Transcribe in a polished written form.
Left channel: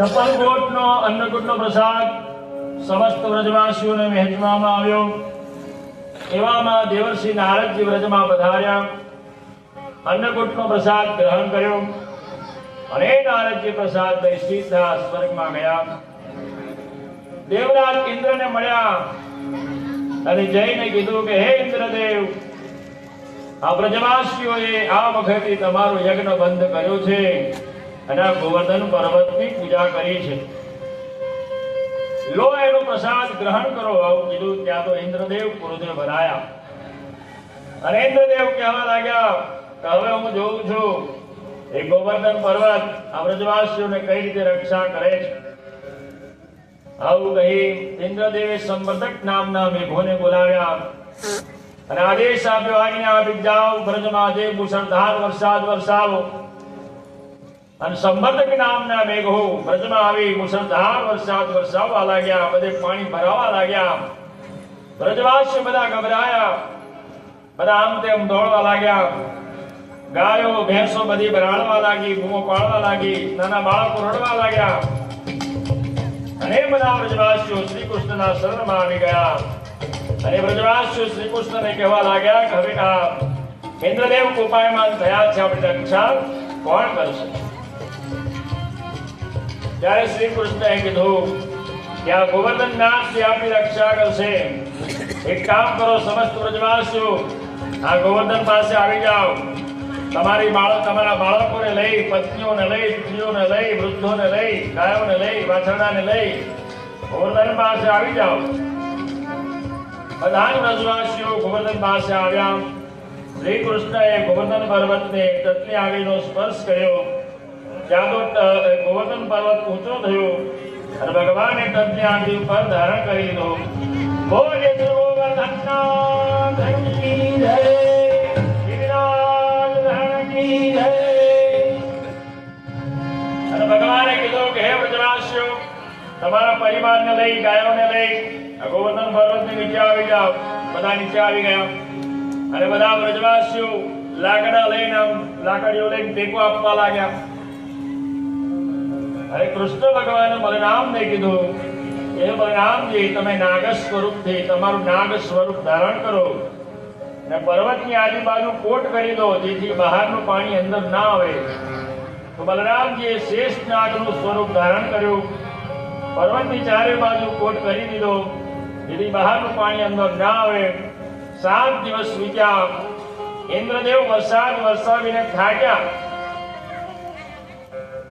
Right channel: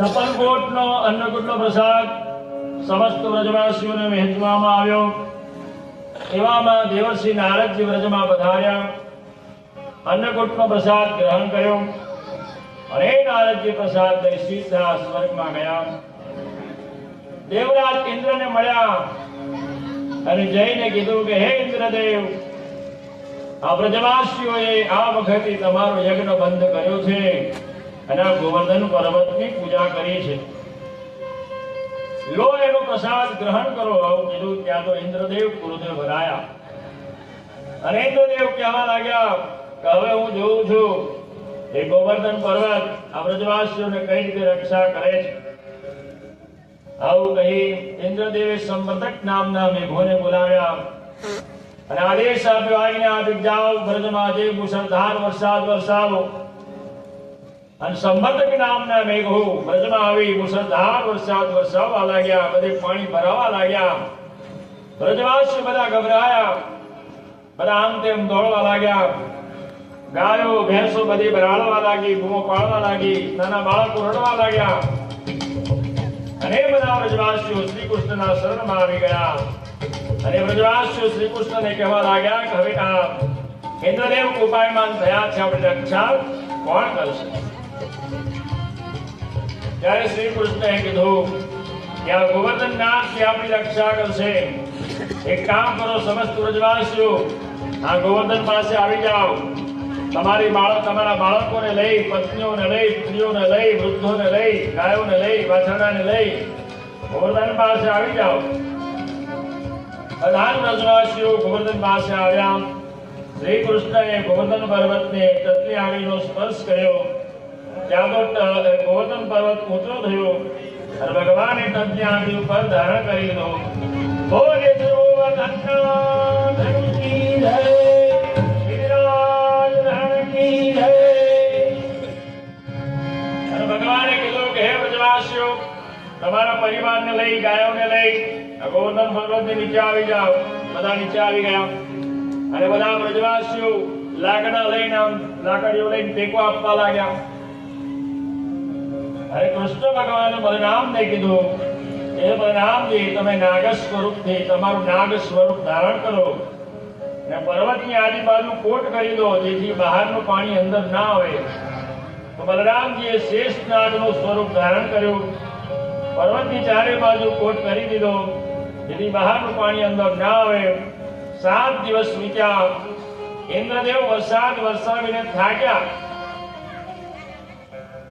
છપ્પન કોટનો અન્નકૂટનો પ્રસાદ સમસ્ત વ્રજવાસીઓને વહેંચવામાં આવ્યો। એવામાં દેવર્ષિ નારદજી વ્રજમાં પધાર્યા, અન્નકૂટનો પ્રસાદ ગ્રહણ કર્યો અને નારદજી પ્રસાદ લઈ સીધા સ્વર્ગમાં ગયા। દેવરાજ ઇન્દ્રને મળ્યા અને જઈને કીધું કે હે ઇન્દ્રદેવ, આ વ્રજવાસીઓએ આ વખતે તમારો યજ્ઞ બંધ કર્યો છે અને આ ગોવર્ધન પર્વતની પૂજા કરી છે, લો એનો પ્રસાદ ગ્રહણ કરો આવું કીધું। ત્યાં તો ઇન્દ્રદેવ ક્રોધે ભરાયા અને ઇન્દ્રદેવ કહેવા લાગ્યા કે હવે હું જોઉં છું એ ગોવર્ધન પર્વત આ વ્રજવાસીઓને કઈ રીતે રક્ષા કરે છે। આવું કહી ઇન્દ્રદેવે સંવર્ધક નામના મેઘોને બોલાવ્યા અને આદેશ આપ્યો, આજ્ઞા આપી જાઓ, વ્રજમાં જે મુસળધાર વરસાદ વરસાવો। અને સંવર્ધક નામના મેઘો વ્રજમાં આવી મુસળધાર વરસાદ વરસાવવા લાગ્યા, બધે પાણી ભરાવા લાગ્યા। વ્રજવાસીઓ બધા ગભરાયા, બધા આમ તેમ દોડવા લાગ્યા, ગાયો ભેંસો બધી બરાડવા લાગી, બૂમો પાડવા લાગી, નાના બાળકો રડવા લાગ્યા અને બધા વ્રજવાસીઓ શ્રી કૃષ્ણના શરણમાં આવી ગયા અને વ્રજવાસીઓ શ્રી કૃષ્ણને કહેવા લાગ્યા કે હવે આ ઇન્દ્રદેવ કોપાયમાન થયા છે, આપણે રક્ષા કોણ કરશે? ત્યારે શ્રી કૃષ્ણએ કીધું કે આ ગોવર્ધનનાથજી આપણી રક્ષા કરશે। એક કામ કરો, સમસ્ત વ્રજવાસીઓ આ ગોવર્ધન પાસે આવી જાઓ, તમારા બાળકોને લઈ, પત્નીઓને લઈ, સ્ત્રીઓને લઈ, વૃદ્ધોને લઈ, ગાયોને લઈ, વાછરડાને લઈ ગોવર્ધન પાસે આવી જાઓ। બધા વ્રજવાસીઓ ગોવર્ધન પાસે આવ્યા। શ્રી કૃષ્ણએ ગોવર્ધન પર્વતને તત્ની આંગળીનો સ્પર્શ કર્યો, ત્યાં તો ગોવર્ધન પર્વત ઊંચો થયો અને ભગવાને તત્ની આંગળી ઉપર ધારણ કરી લીધો। બોલે ગોવર્ધનનાથ કી જય, ગિરિરાજ ધરણ કી જય। અને ભગવાને કીધું કે હે વ્રજવાસીઓ, તમારા પરિવારને લઈ, ગાયોને લઈ ગોવર્ધન પર્વતની નીચે આવી જાઓ। બધા નીચે આવી ગયા અને બધા વ્રજવાસીઓ લાકડીઓ લઈને ટેકો આપવા લાગ્યા। અરે કૃષ્ણ ભગવાને બલરામને કીધું, એ બલરામજી તમે નાગ સ્વરૂપથી તમારું નાગ સ્વરૂપ ધારણ કરો અને પર્વતની આજુબાજુ કોટ કરી દો, જેથી બહારનું પાણી અંદર ના આવે। તો બલરામજીએ શેષ નાગનું સ્વરૂપ ધારણ કર્યું, પર્વતની ચારે બાજુ કોટ કરી દીધો, જેથી બહારનું પાણી અંદર ના આવે। 7 દિવસ વીત્યા, ઇન્દ્રદેવ વરસાદ વરસાવીને થાક્યા